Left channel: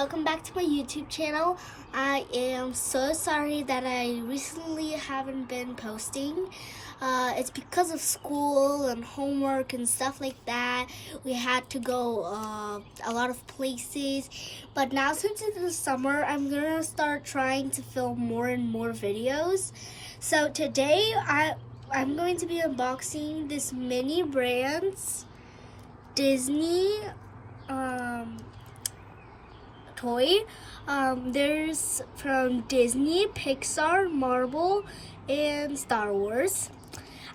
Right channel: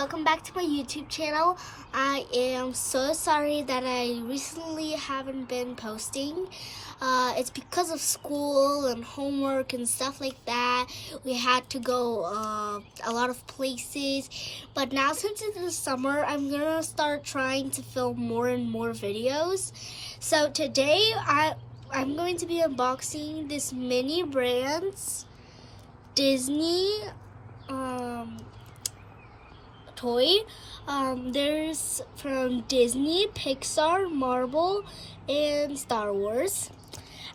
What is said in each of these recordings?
welcome back to my YouTube channel. I am so sorry that I recently haven't been posting. It's because of school and homework and stuff like that. We had to go a lot of places. But now since it's the summer, I'm gonna start trying to film more and more videos. So today I'm going to be unboxing this mini brands Disney toy. There's from Disney, Pixar, Marvel, and Star Wars.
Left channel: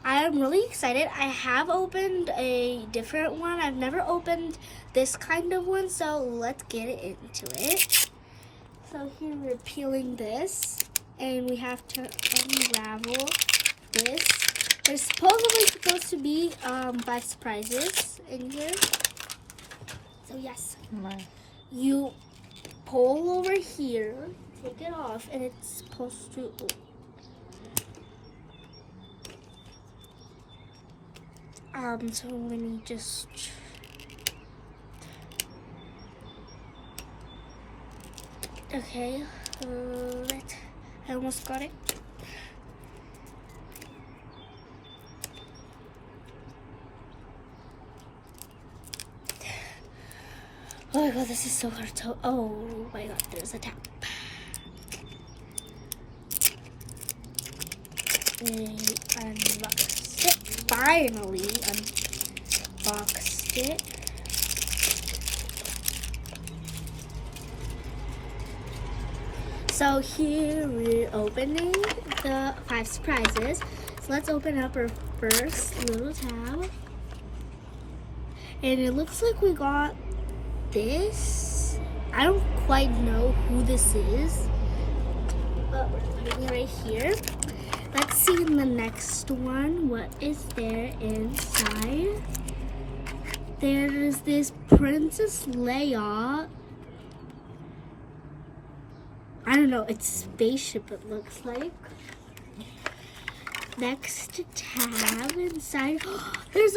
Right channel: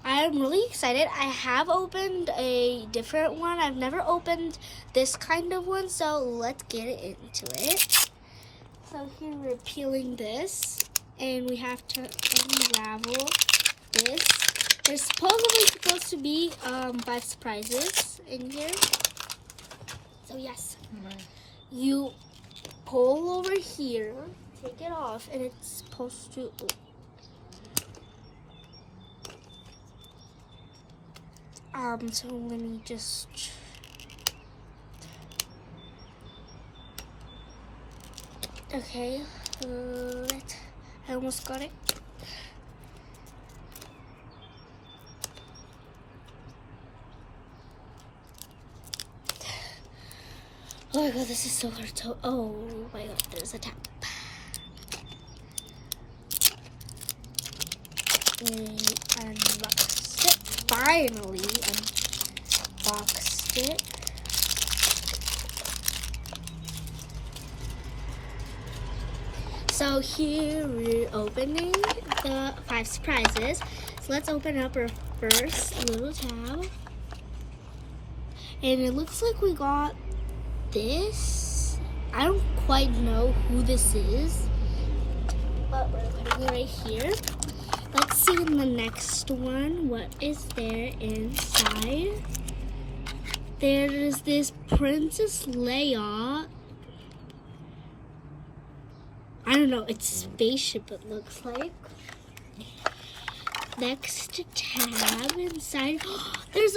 I'm really excited. I have opened a different one. I've never opened this kind of one, so let's get into it. So here we're peeling this, and we have to unravel this. There's supposed to be 5 surprises in here. So yes, you pull over here, take it off, and it's supposed to. So let me just. Okay, I almost got it. Oh my god, this is so hard to. Oh my god, there's a tap. Unboxed it. Finally unboxed it. So here we're opening the 5 surprises. So let's open up our first little tab. And it looks like we got this. I don't quite know who this is, but we're putting it right here. Let's see in the next one what is there inside. There is this Princess Leia. I don't know, it's spaceship it looks like. Next tab inside, there's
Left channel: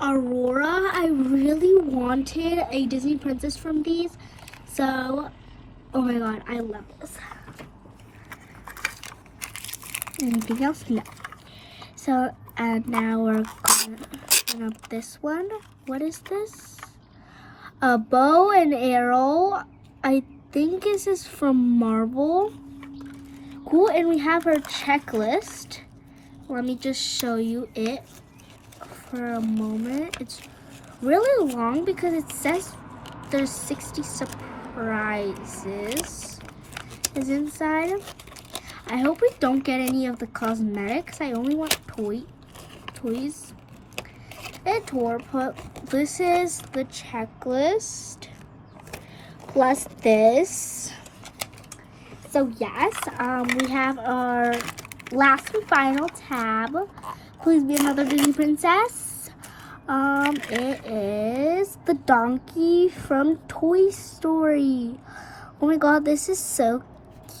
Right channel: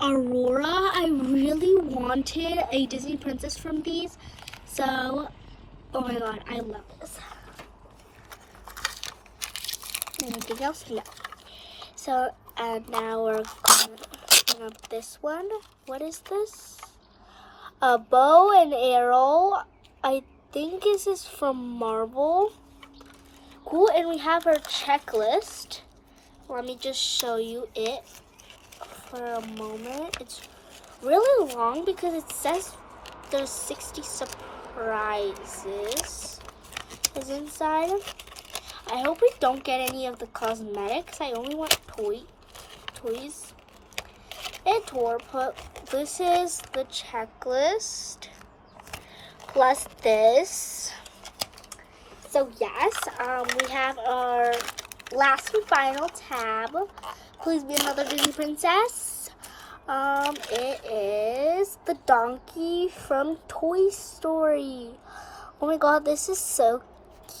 Aurora. I really wanted a Disney princess from these, so oh my god, I love this. Anything else? No. So and now we're going to open up this one. What is this? A bow and arrow. I think this is from Marvel. Cool, and we have our checklist. Let me just show you it for a moment. It's really long because it says there's 60 surprises is inside. I hope we don't get any of the cosmetics. I only want toys. And but this is the checklist plus this. So yes, we have our last and final tab. Please be another Disney princess. It is the donkey from Toy Story. Oh my god, this is so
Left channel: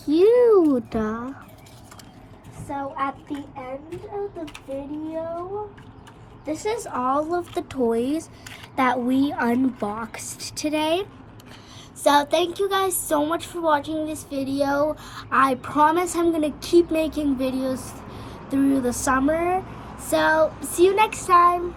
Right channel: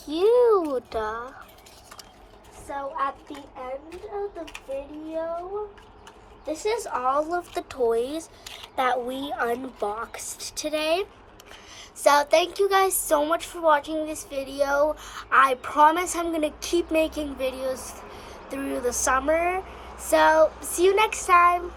cute. So at the end of the video, this is all of the toys that we unboxed today. So thank you guys so much for watching this video. I promise I'm gonna keep making videos through the summer. So see you next time.